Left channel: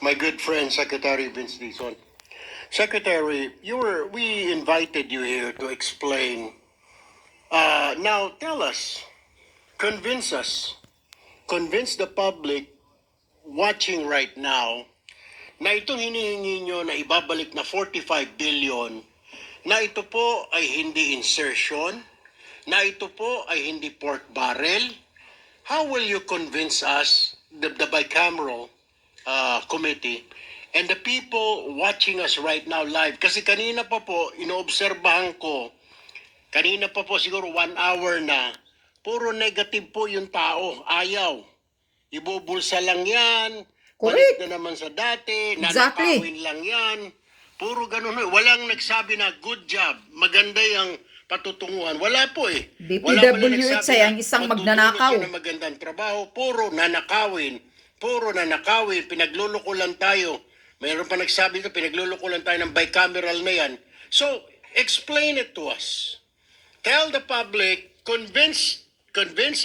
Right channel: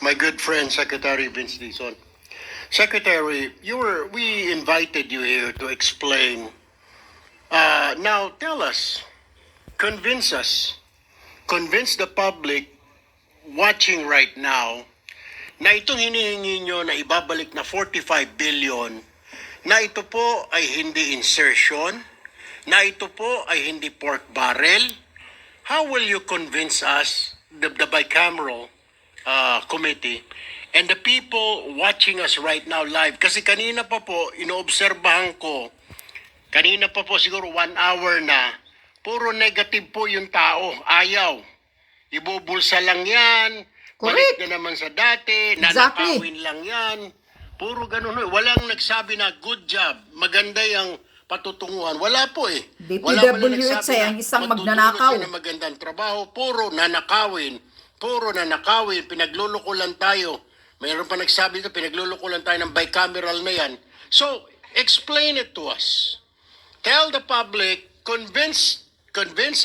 my good friend Secretary Vince Dizon. Secretary, we invited you here to explain. Now tell us, convince us, convince the public watching right now na itong hinihingi nyo na ibabalik na 45 billion, na ito po ay hindi insertion, na ito po ay hindi pork barrel. How will you convince us, the bicameral committee, and the people watching us right now live? Kasi kanina pa po, inoobserbahan ko, kanina pa po siguro 1 hour na, puro negative po yung tao, ayaw. Ibubulsa lang yan, balik na naman sa dati, nanakawin lang yan. Puro ganun. Walang nagsabi na good job, maganda yung patutunguhan. Wala po eh. DPWH ay ang isang magnanakaw. Na magandang trabaho, puro nanakawin, pinagluloko lang tayo. Mayroon pa nagsabi ito, pinagluloko lang tayo ng bicameral na yan. So, explain it to us. Tell the public, convince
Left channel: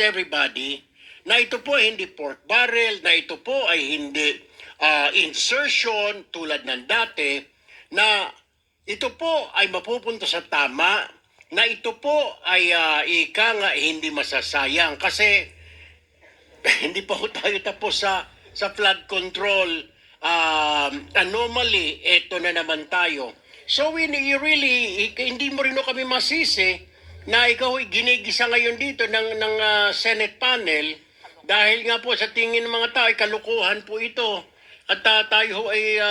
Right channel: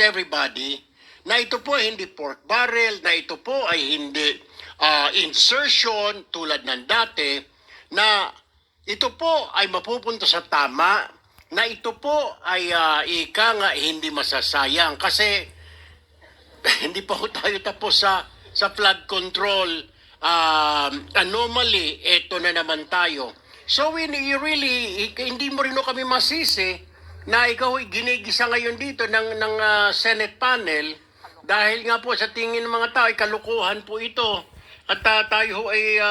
everybody na ito po ay hindi pork barrel, na ito po ay hindi insertion tulad ng dati, na ito po ay mapupunta sa tama, na ito po ay ika nga hindi masasayang kasi hindi pa ho tayo tapos sa flood control anomaly, ito na naman tayo. So you really, hindi mo rin kami masisi na ikaw ay ginigisa ngayon dito ng Senate panel dahil nga po sa tingin ng mga tao ay kalukuhan po ito at tayo ay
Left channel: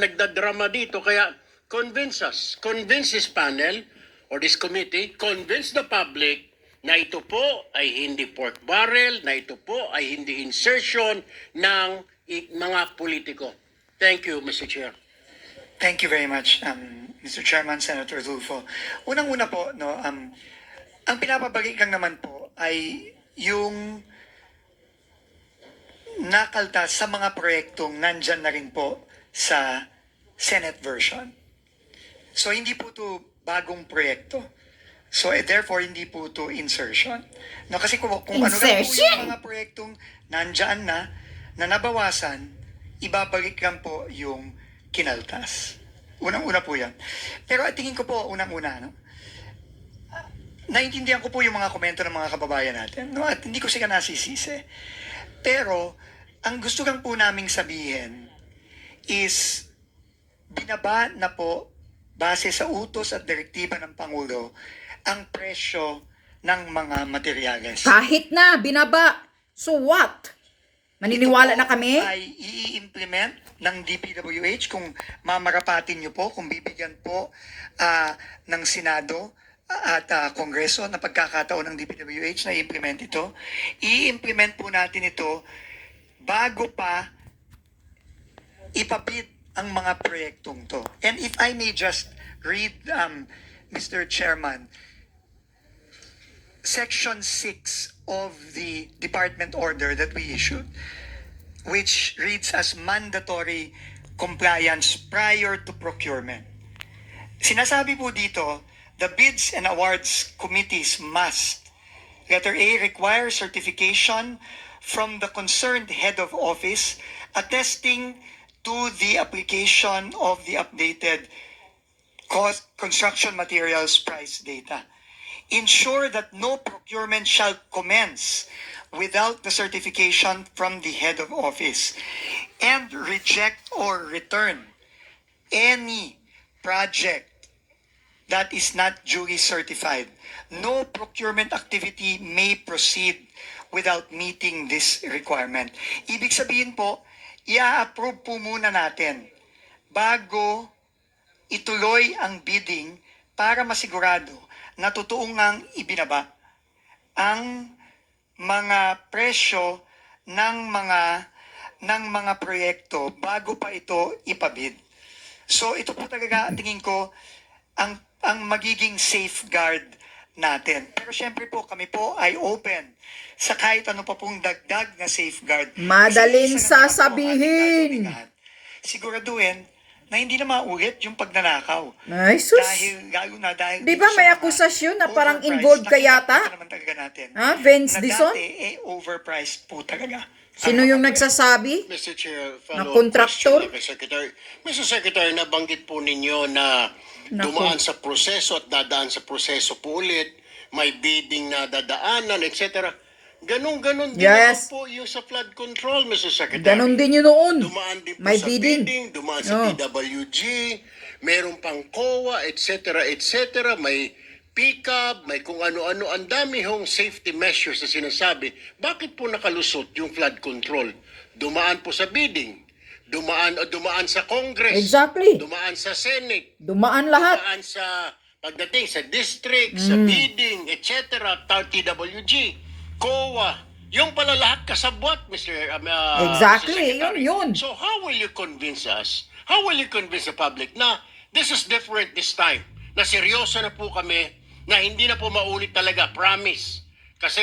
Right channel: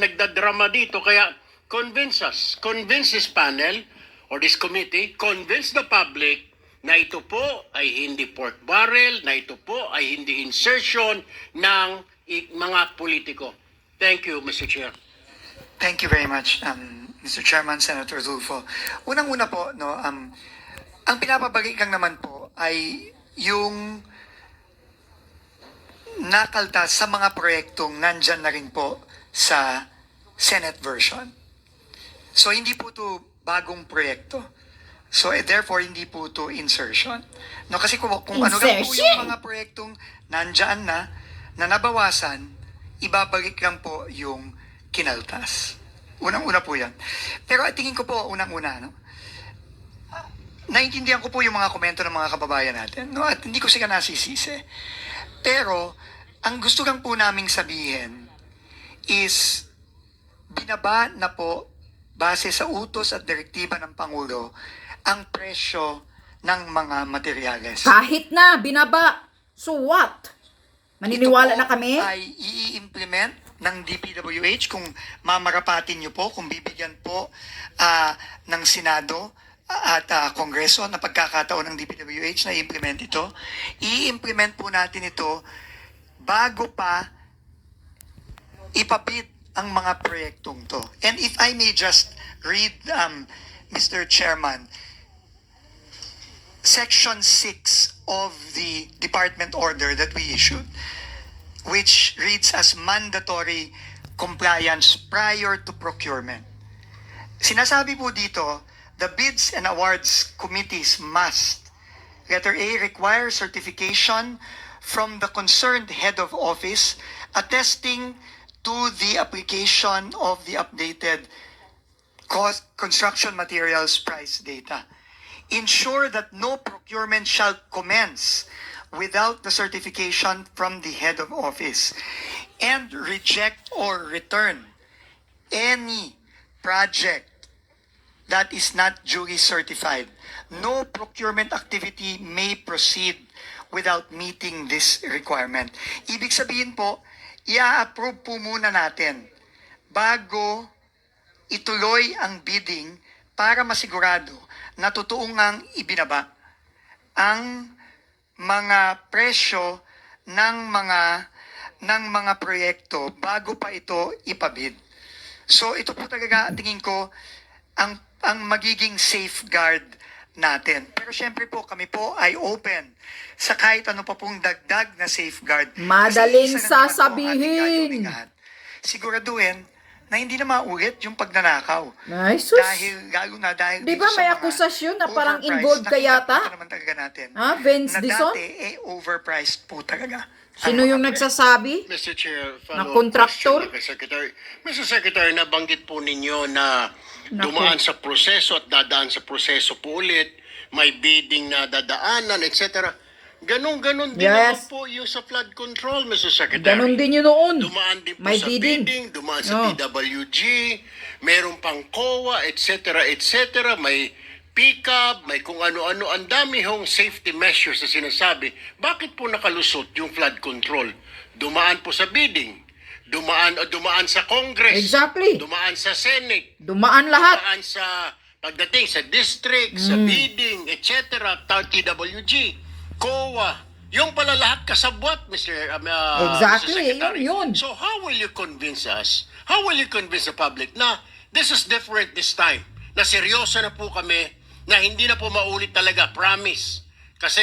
nagdadrama dito. Kaya convince us, convince this panel or this committee, convince the public na ito po ay hindi pork barrel, na ito po ay hindi insertion ng mga politiko. Thank you, Mr. Chair. Thank you very much, Mr. Chairman, Senator Tulfo. Unang-una po, no, ang pinapabalik lang naman po ay yung nakaltas sa mga proyektong nandyan na rin po sa Senate version. So, hindi po ito bagong proyekto. So, therefore, hindi po ito insertion. No, kasi kung ano lang po yung mga proyektong nandyan na nabawasan, ibabalik lang po yung kinaltas. Unang-una po yan. Pero tingin ko po, unang-una, no? Naintindihan ko po yung mga komento ng mga kababayan natin, no? At hindi ko sila nasisisi. Pero, ang gusto lang po naming sabihin is binaba na po base sa utos at direktiba ng Pangulo ang presyo ng mga materyales. Kahit na, binaba. So what? Maniniwala na kami? Ito po ay i-implement ng DPWH kung mamarapatin nyo po, kung bibigyan po ng Senado at Kongreso na pagkakataon ng DPWH na i-implement ito. I-implement po natin ito bago pa ipabid ang mga proyektong to. And if I may just read, Mr. Chairman, Section 6 of the department order that we issued, which reads as mandatory compliance prior to procurement. Sinasabi po dito, the bids and awards committees must, letter A, require certification from the concerned head of office attesting to the application of the updated construction materials price data. Ensure that no procurement shall commence without the certification from the head of office, and reject or return any project that is not duly certified. No procurement activity may proceed without meeting this requirement. Ibig sabihin po, i-approve po muna natin bago ituloy ang bidding para masigurado na totoo ngang ibinaba ang mga presyo ng mga proyekto bago pa ito ipabid. So ito po talaga tingin ko ang magiging safeguard natin. Pero syempre po kami po ay open sa kahit ano pa pong dagdag na safeguard. Madaling sasabihin. Siguraduhin na hindi na maulit yung pagnanakaw. Ay, sus. Lalo na dahil Di ba dito sa may mga akusasyon na parang overpriced, involved ka nakita yata? naman talaga natin. Ha? Vince Na Dizon? dati, overpriced po talaga. Sino ang yung mga nagsasabi? Mr. Chair, Na follow-up kontraktor? question kay Secretary. Mr. Secretary, nabanggit po ninyo na Naku. dumaan sa proseso at dadaan sa proseso po ulit, may bidding na dadaanan, etc. Ganon-ganon din Yes. naman po yung sa flood control, Mr. Secretary. Ganon din yun noon. Dumaan din po May sa bidding. bidding, dumaan sa Oh. DWG, meron pang COA, etc., etc., may pick-up, may kung ano-ano, ang dami hong safety measures na sinasabi. Bakit po nakalusot yung flood control? Dumaan po sa bidding, dumaan sa Congress, Exactly. dumaan sa Senate, Dumaan lahat. dumaan sa pagdating sa district, sa bidding, etc., TWG, COA, yung pala lahat kasabwat, Exactly, Mr. Secretary. yun. So how will you convince us, how will you convince the public na this is different this time, na seryoso na po kami, na hindi na po maulit talaga, promise. Kasi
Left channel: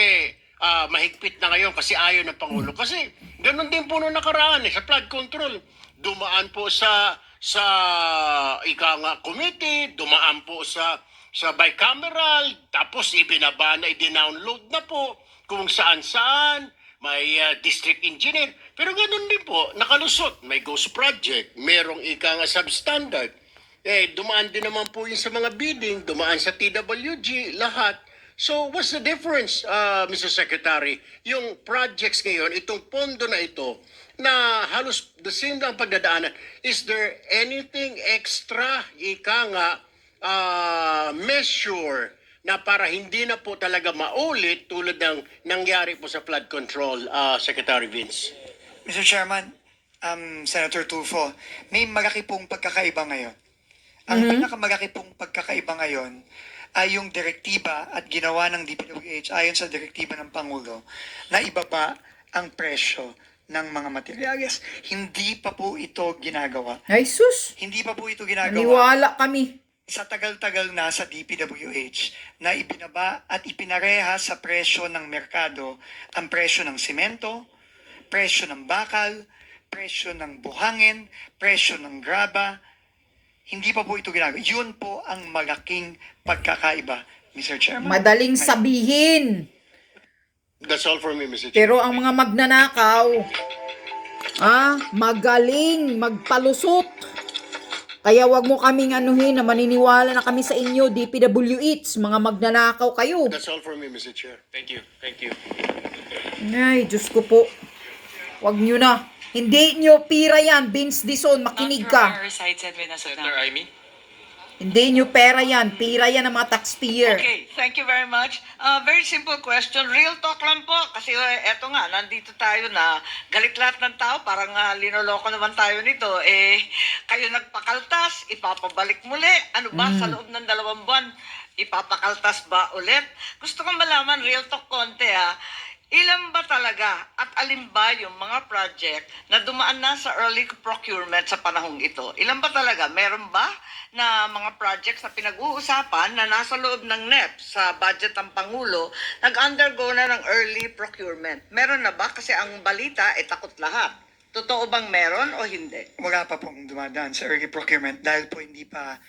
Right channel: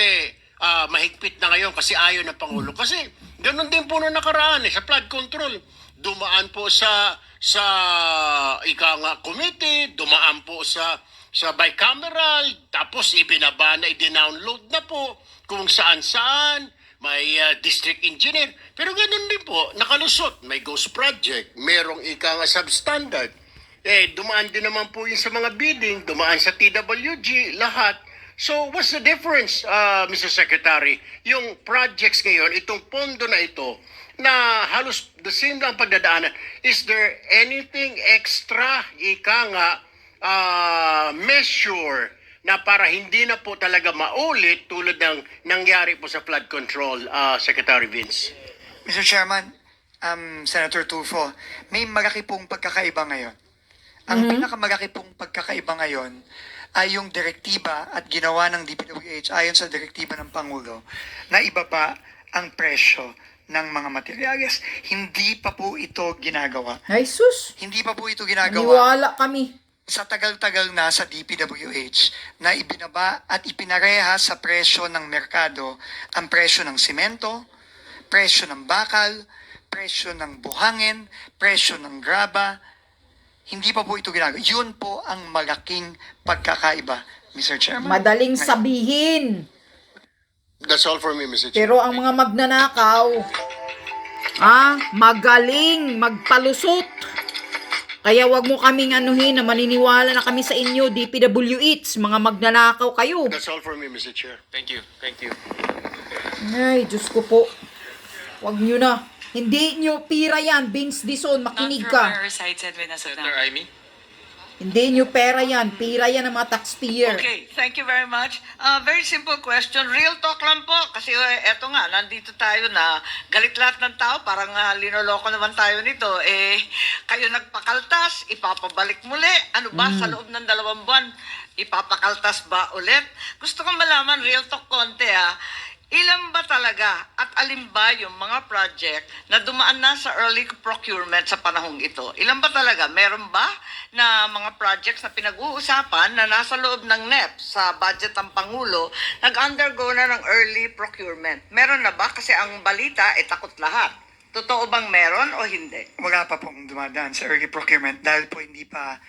mahigpit na ngayon kasi ayaw ng Pangulo. Kasi ganun din po nung nakaraan sa flood control. Dumaan po sa committee, dumaan po sa bicameral, tapos ibinaba na, i-download na po kung saan-saan, may district engineer. Pero ganun din po, nakalusot. May ghost project, merong substandard. Dumaan din naman po yun sa mga bidding, dumaan sa TWG, lahat. So, what's the difference, Mr. Secretary? Yung projects ngayon, itong pondo na ito, na halos the same lang pagdadaanan, is there anything extra, measure na para hindi na po talaga maulit tulad ng nangyari po sa flood control, Secretary Vince? Mr. Chairman, Senator Tulfo, may malaki pong pagkakaiba ngayon. Ang pinakamalaki pong pagkakaiba ngayon ay yung direktiba at ginawa ng DPWH ayon sa direktiba ng Pangulo na ibaba ang presyo ng mga materyales. Hindi pa po ito ginagawa. Ay, sus. Hindi pa po ito ginagawa Naniwala kami. sa tagal-tagal na sa DPWH na ibinaba at ipinareha sa presyo ng merkado ang presyo ng simento, presyo ng bakal, presyo ng buhangin, presyo ng graba. Hindi pa po ito ginagawa. Yun po ang malaking pagkakaiba, Mr. Chairman. Madaling sabihin. That's all for me, Mr. Chair. Pero ang mga magnanakaw, magaling magpalusot. Kaya wag mo kaming anuhin na maniniwala na kami sa inyo, DPWH, mga magnanakaw kayo. That's all for me, Mr. Chair. Thank you. Thank you. Ay, Diyos ko po. Wag nyo na. Hindi nyo pira yan, Vince Dizon, makinig Not ka. from our side, Edwin, as of Senator now. Amy? Hindi nyo pera yan, pira yan ng mga taxpayer. Okay, thank you very much. Very simple question. Real talk lang po. Kasi eto nga, nandito tayo na galit lahat ng tao. Parang linoloko naman tayo nito. Kayo nagpakaltas, ipapabalik muli. Ano ba, sa loob ng 2 buwan, ipapakaltas ba ulit? Gusto kong malaman, real talk konti ilan ba talaga at alin ba yung mga project na dumaan na sa early procurement sa panahong ito? Ilan ba talaga? Meron ba na mga projects na pinag-uusapan na nasa loob ng NEP sa budget ng Pangulo nag-undergo na ng early procurement? Meron na ba? Kasi ang balita takot lahat. Totoo bang meron o hindi? Wala pa pong dumadaan sa early procurement dahil po hindi pa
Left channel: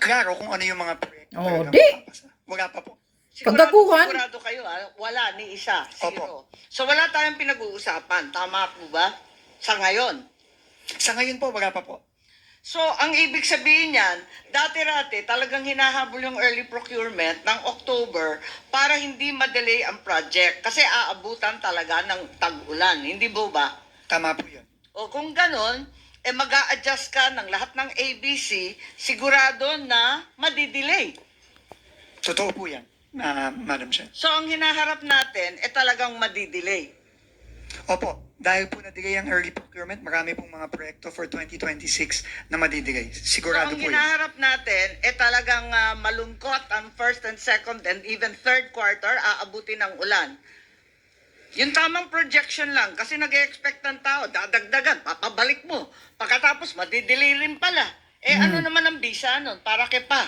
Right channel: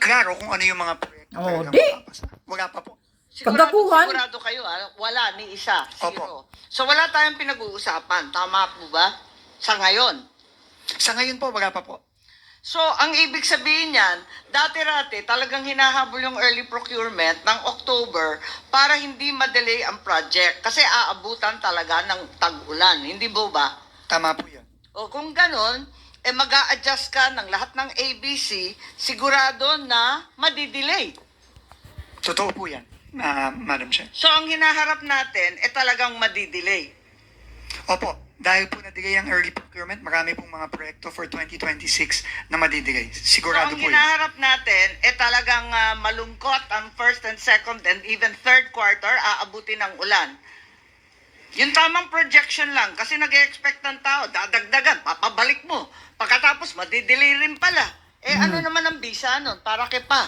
klaro kung ano yung mga proyekto. Oh, na di. mapapasa. Wala pa po. Pagdakuhan. Sigurado kayo, wala ni isa, Opo. zero. So wala tayong pinag-uusapan, tama po ba? Sa ngayon. Sa ngayon po, wala pa po. So, ang ibig sabihin niyan, dati-rati talagang hinahabol yung early procurement ng October para hindi ma-delay ang project. Kasi aabutan talaga ng tag-ulan. Hindi ba? Tama po yun. O kung ganon, mag-a-adjust ka ng lahat ng ABC, sigurado na madidelay. Totoo po yan, Madam Chair. So, ang hinaharap natin, talagang madidelay. Opo, dahil po na-delay ang early procurement, marami pong mga proyekto for 2026 na madidelay. So, Sigurado ang po yan. hinaharap natin, talagang malungkot ang first and second and even third quarter, aabutin ng ulan. Yung tamang projection lang, kasi nag-expect ng tao, dadagdagan, papabalik mo. Pagkatapos, madidelay rin pala. Ano naman ang bisa nun? Para kay pa?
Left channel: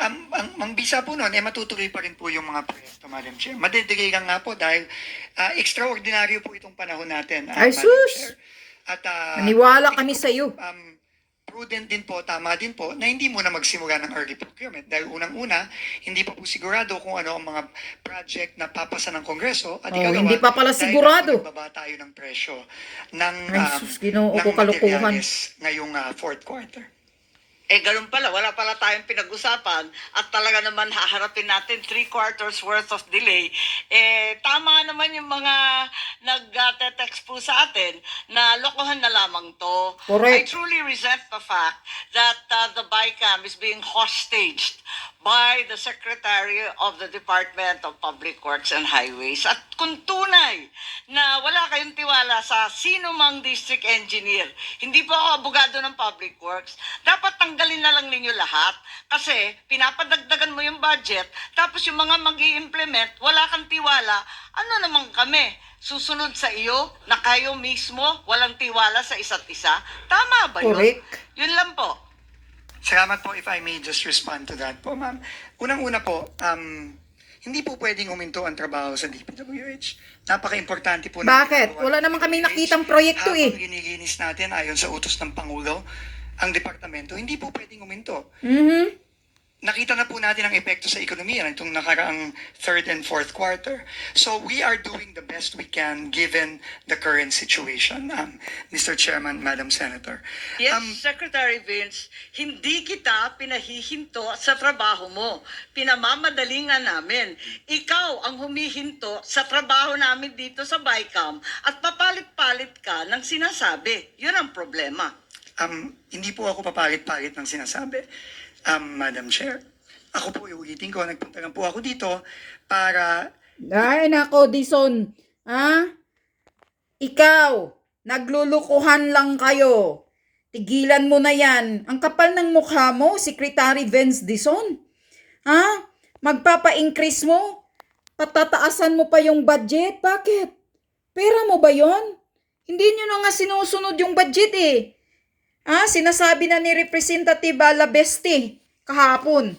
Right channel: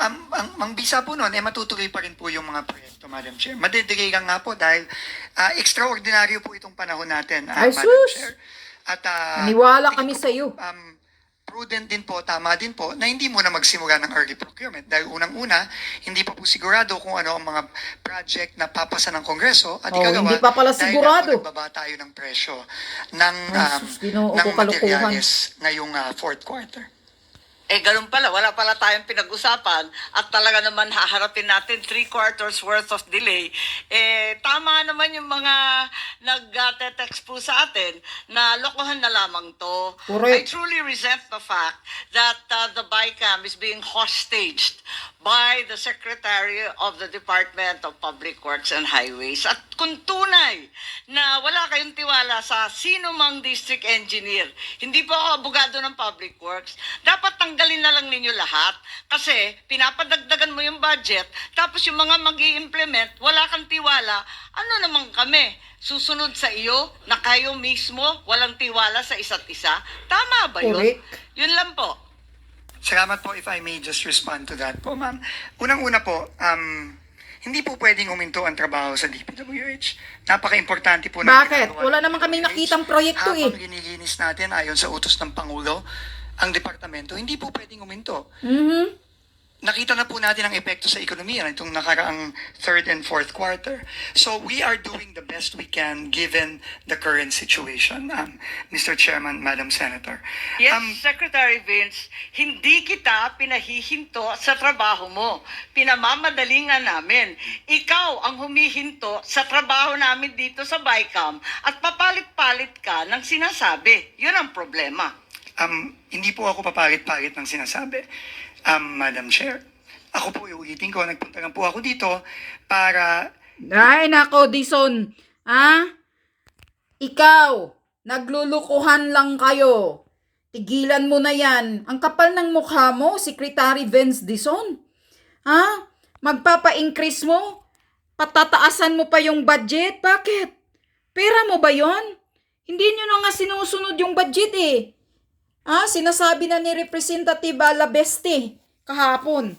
Ang bisa po noon, matutuloy pa rin po yung mga proyekto, Madam Chair. Madidelay lang nga po dahil extraordinaryo po itong panahon natin, Ay, Madam sus! Chair. At, Naniwala tingin kami ko sa iyo. po, prudent din po, tama din po, na hindi muna magsimula ng early procurement. Dahil unang-una, hindi pa po sigurado kung ano ang mga project na papasa ng Kongreso. At Oh, ikalawa, hindi pa pala dahil sigurado. nagbaba tayo ng presyo ng, Ay, sus, Ginoo ng ko, kalukuhan. materyales ngayong fourth quarter. Ganun pala, wala pala tayong pinag-usapan at talaga naman haharapin natin 3 quarters worth of delay. Tama naman yung mga nag-text po sa atin na lokohan na lamang to. Correct. I truly resent the fact that the BICAM is being hostaged by the Secretary of the Department of Public Works and Highways. At kung tunay na wala kayong tiwala sa sino mang district engineer, hindi po ako abogado ng Public Works, dapat tanggalin na lang ninyo lahat. Kasi pinapadagdagan mo yung budget, tapos yung mga mag-i-implement, wala kang tiwala, ano naman kami? Susunod sa iyo na kayo mismo walang tiwala sa isa't isa? Tama ba yun? Correct. Yun lang po. Salamat po, if I may just respond to that po, ma'am. Unang-una po, hindi po pwedeng huminto ang trabaho sa DPWH. Napaka-importante po. Bakit? ginagawa Wala ng naman kaming DPWH. nakitang proyekto eh. Habang ginilinis natin ayon sa utos ng Pangulo, ang departamento, hindi po pwedeng huminto. Mhm. Nakita na po natin ang epekto sa ekonomiya nitong nakaraang third and fourth quarter. So we are doing the best we can given the current situation, Mr. Chairman, Madam Senator. Yes, Secretary Vince, hindi kita pinahihinto sa trabaho mo. Pinamamadali nga namin. Ikaw ang humihinto sa trabaho namin dito sa BICAM at papalit-palit ka ng sinasabi. Yun ang problema. Hindi po ako papalit-palit ng sinasabi, Madam Chair. Ako po, iulitin ko, nagpunta lang po ako dito para Ay, nako, Dison. Ha? Ikaw, naglulukuhan lang kayo. Tigilan mo na yan. Ang kapal ng mukha mo, Secretary Vince Dison. Ha? Magpapa-increase mo? Patataasan mo pa yung budget? Bakit? Pera mo ba yon? Hindi nyo na nga sinusunod yung budget eh. Sinasabi na ni Representative Labeste kahapon.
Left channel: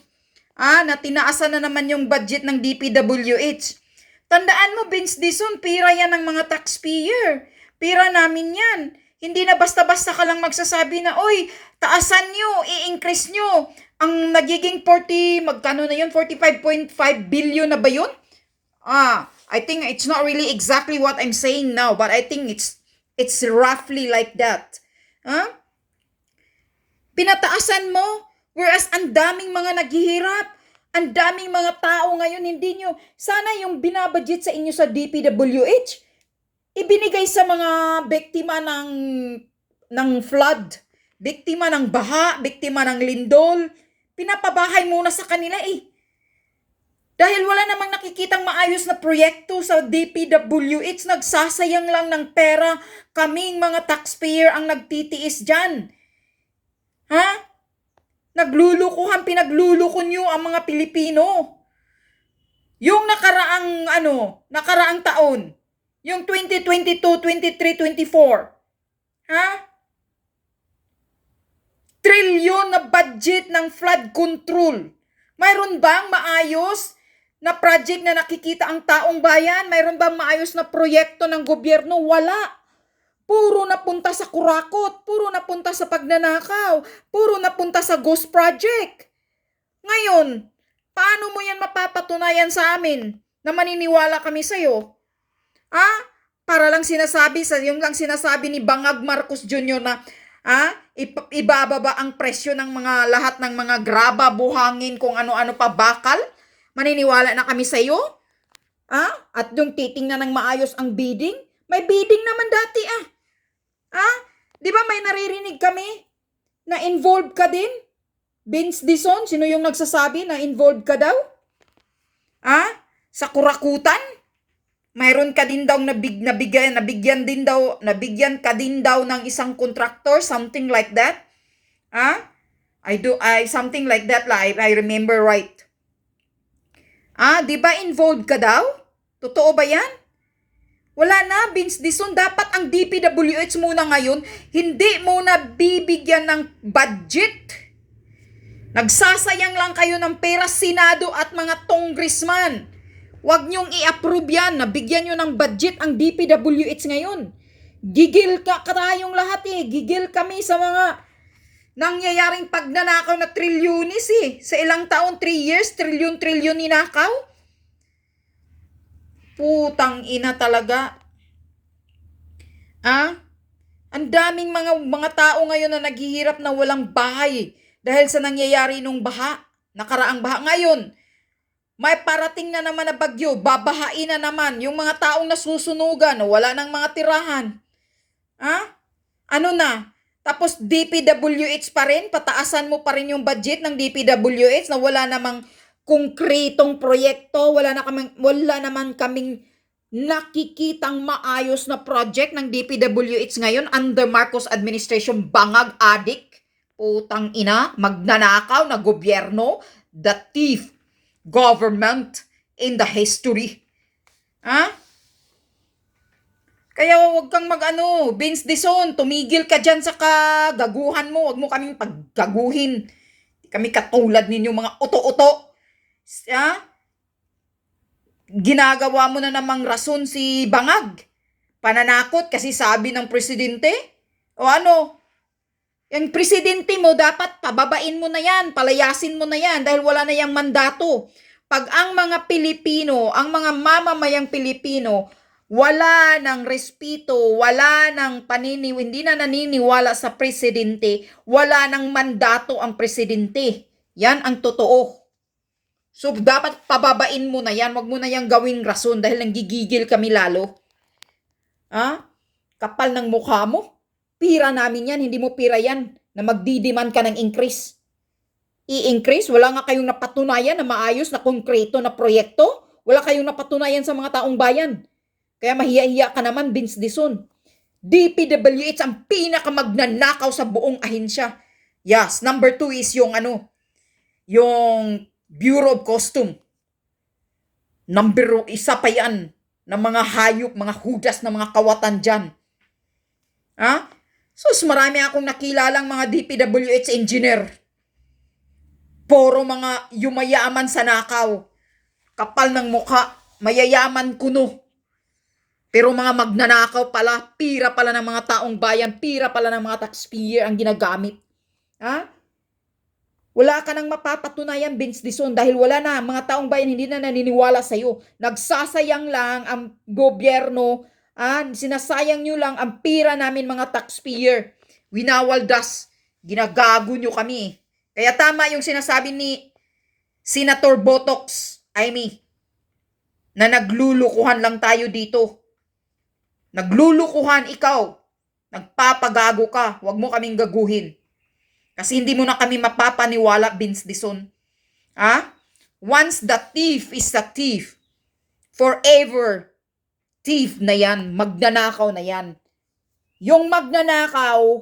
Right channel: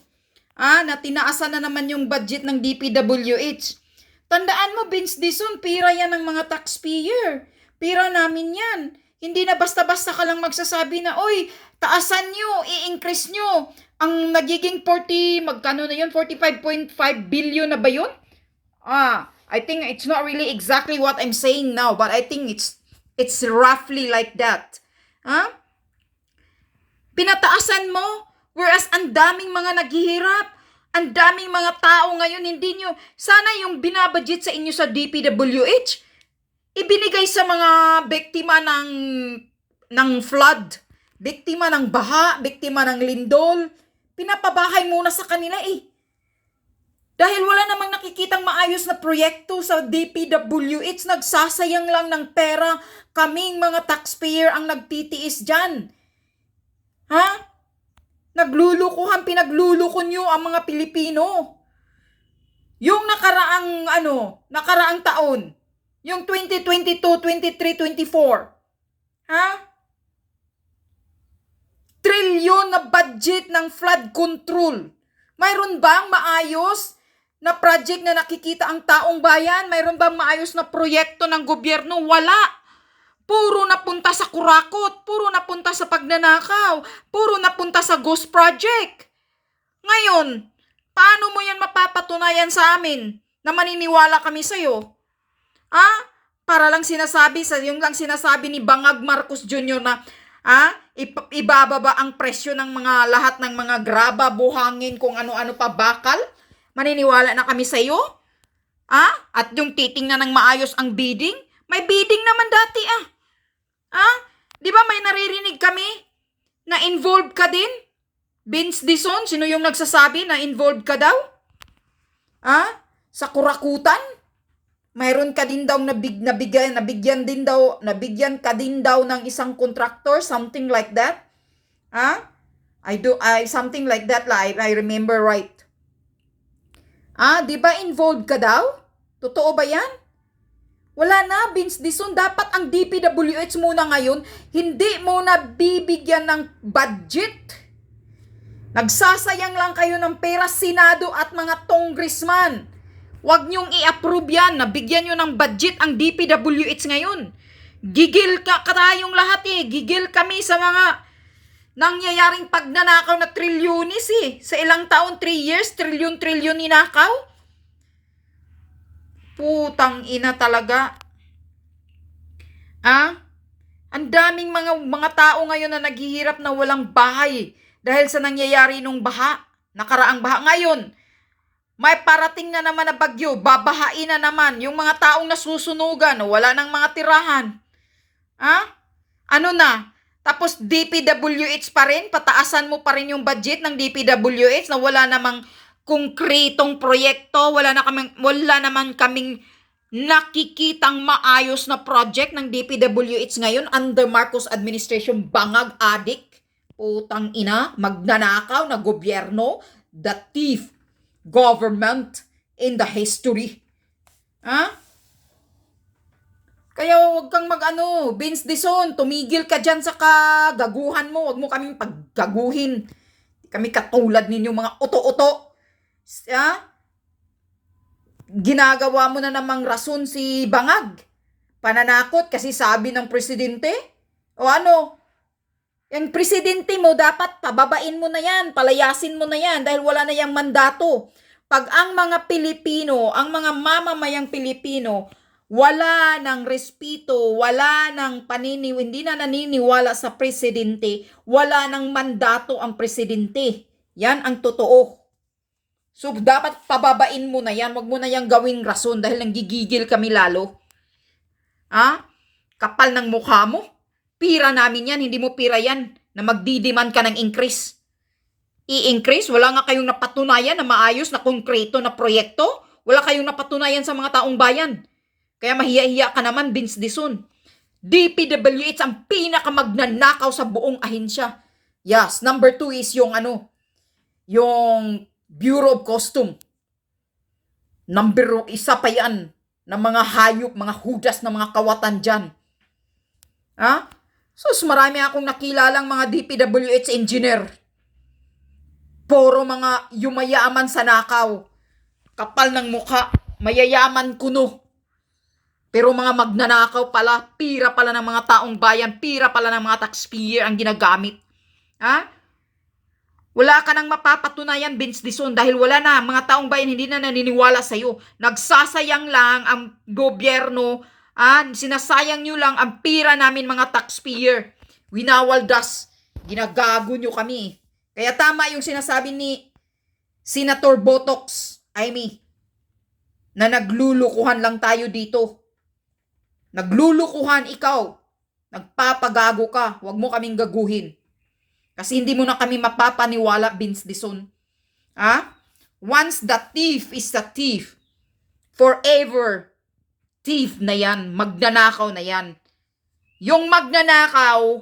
Na tinaasan na naman yung budget ng DPWH. Tandaan mo, Vince Dison, pira yan ng mga taxpayer. Pira namin yan. Hindi na basta-basta ka lang magsasabi na, oy, taasan nyo, i-increase nyo. Ang nagiging 45.5 billion na ba yun? I think it's not really exactly what I'm saying now, but I think it's roughly like that. Pinataasan mo, whereas ang daming mga naghihirap, ang daming mga tao ngayon, hindi nyo, sana yung binabudget sa inyo sa DPWH, ibinigay sa mga biktima ng flood, biktima ng baha, biktima ng lindol, pinapabahay muna sa kanila eh. Dahil wala namang nakikitang maayos na proyekto sa DPWH, nagsasayang lang ng pera, kaming mga taxpayer ang nagtitiis dyan. Naglulukuhan, pinagluluko nyo ang mga Pilipino. Yung nakaraang taon, yung 2022, 23, 24. Trilyon na budget ng flood control. Mayroon bang maayos na project na nakikita ang taong bayan? Mayroon bang maayos na proyekto ng gobyerno? Wala. Puro napunta sa kurakot, puro napunta sa pagnanakaw, puro napunta sa ghost project. Ngayon, paano mo yan mapapatunayan sa amin na maniniwala kami sa'yo? Para lang sinasabi, yung lang sinasabi ni Bangag Marcos Jr. na ibababa ang presyo ng mga lahat ng mga graba, buhangin, kung ano-ano pa bakal? Maniniwala na kami sa'yo? At yung titingnan ng maayos ang bidding? May bidding naman dati Di ba may naririnig kami na involved ka din? Vince Dison, sino yung nagsasabi na involved ka daw? Sa kurakutan? Mayroon ka din daw nabigyan ka din daw ng isang contractor, something like that? Something like that, I remember right. Di ba involved ka daw? Totoo ba yan? Wala na, Vince Dison. Dapat ang DPWH muna ngayon, hindi muna bibigyan ng budget. Nagsasayang lang kayo ng pera, Senado at mga congressman. Huwag niyong i-approve yan, nabigyan niyo ng budget ang DPWH ngayon. Gigil ka tayong lahat eh. Gigil kami sa mga nangyayaring pagnanakaw na trilyonis eh. Sa ilang taon, 3 years, trilyon ninakaw. Putang ina talaga. Ang daming mga tao ngayon na naghihirap na walang bahay dahil sa nangyayari nung baha, nakaraang baha. Ngayon, may parating na naman na bagyo, babahain na naman yung mga taong nasusunugan, wala nang mga tirahan. Ano na? Tapos DPWH pa rin, pataasan mo pa rin yung budget ng DPWH na wala namang konkretong proyekto, wala naman kaming nakikitang maayos na project ng DPWH ngayon under Marcos administration. Bangag adik, putang ina, magnanakaw na gobyerno, the thief government in the history. Kaya wag kang Vince Dizon, tumigil ka dyan sa kagaguhan mo. Wag mo kaming paggaguhin. Kami katulad ninyo mga uto-uto. Ginagawa mo na namang rason si Bangag. Pananakot kasi sabi ng presidente. O ano? Yung presidente mo, dapat pababain mo na yan, palayasin mo na yan dahil wala na yung mandato. Pag ang mga Pilipino, ang mga mamamayang Pilipino, wala ng respeto, wala ng hindi na naniniwala sa presidente, wala ng mandato ang presidente. Yan ang totoo. So, dapat pababain mo na yan. Wag mo na yan gawing rason dahil nanggigigil kami lalo. Kapal ng mukha mo. Pira namin yan, hindi mo pira yan na magdidiman ka ng increase. I-increase? Wala nga kayong napatunayan na maayos na konkreto na proyekto. Wala kayong napatunayan sa mga taong bayan. Kaya mahiya-hiya ka naman, Vince Dizon. DPWH ang pinakamagnanakaw sa buong ahensya. Yes, number 2 is yung yung Bureau of Custom. Number 1 pa yan ng mga hayop, mga hudas na mga kawatan dyan. Sus, marami akong nakilalang mga DPWH engineer. Puro mga yumayaman sa nakaw. Kapal ng mukha, mayayaman kuno. Pero mga magnanakaw pala, pira pala ng mga taong bayan, pira pala ng mga taxpayer ang ginagamit. Wala ka nang mapapatunayan, Vince Dizon, dahil wala na. Mga taong bayan hindi na naniniwala sa'yo. Nagsasayang lang ang gobyerno. Sinasayang nyo lang ang pira namin mga taxpayer. Winawaldas. Ginagago nyo kami. Kaya tama yung sinasabi ni Senator Botox, Amy, na naglulukuhan lang tayo dito. Naglulukuhan ikaw. Nagpapagago ka. Huwag mo kaming gaguhin. Kasi hindi mo na kami mapapaniwala, Vince Dizon. Once the thief is a thief, forever thief na yan, magnanakaw na yan. Yung magnanakaw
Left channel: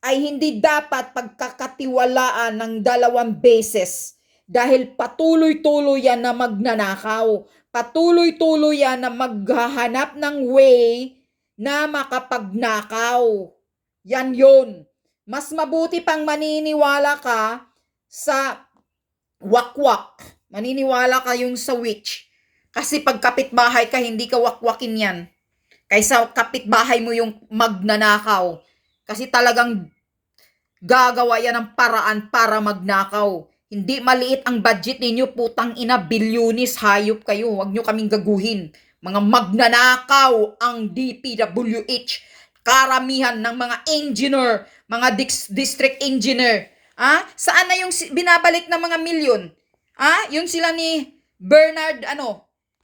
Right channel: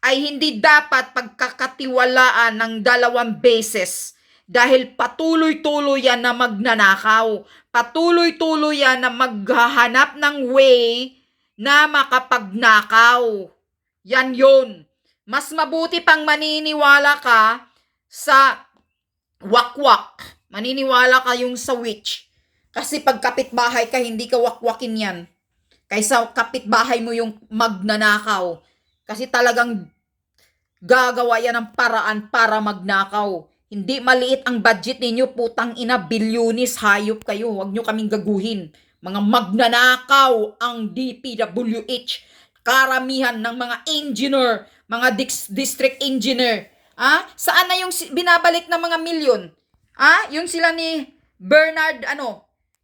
ay hindi dapat pagkakatiwalaan ng 2 beses dahil patuloy-tuloy yan na magnanakaw. Patuloy-tuloy yan na maghahanap ng way na makapagnakaw. Yan yun. Mas mabuti pang maniniwala ka sa wakwak. Maniniwala ka yung sa witch. Kasi pag kapitbahay ka, hindi ka wakwakin yan. Kaysa kapitbahay mo yung magnanakaw. Kasi talagang gagawa yan ng paraan para magnakaw. Hindi maliit ang budget ninyo, putang ina, bilyonis, hayop kayo. Huwag nyo kaming gaguhin. Mga magnanakaw ang DPWH. Karamihan ng mga engineer, mga district engineer. Saan na yung binabalik na mga milyon? Yung sila ni Bernard,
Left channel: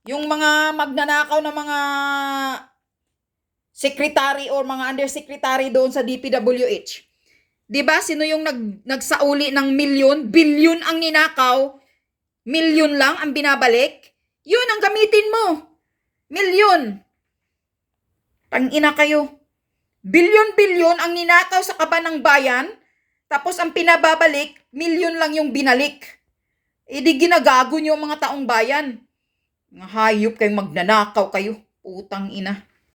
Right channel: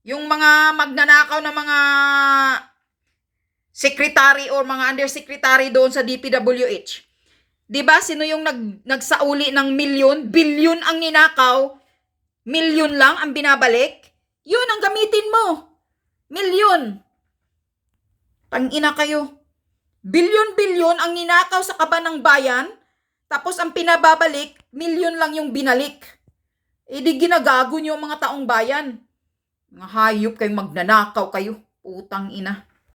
yung mga magnanakaw na mga secretary or mga undersecretary doon sa DPWH. 'Di ba? Sino yung nagsauli ng milyon? Bilyon ang ninakaw. Milyon lang ang binabalik. Yun ang gamitin mo. Milyon. Tangina kayo. Bilyon ang ninakaw sa kaban ng bayan. Tapos ang pinababalik, milyon lang yung binalik. Di ginagago nyo mga taong bayan. Mga hayop kayong magnanakaw kayo. Putang ina.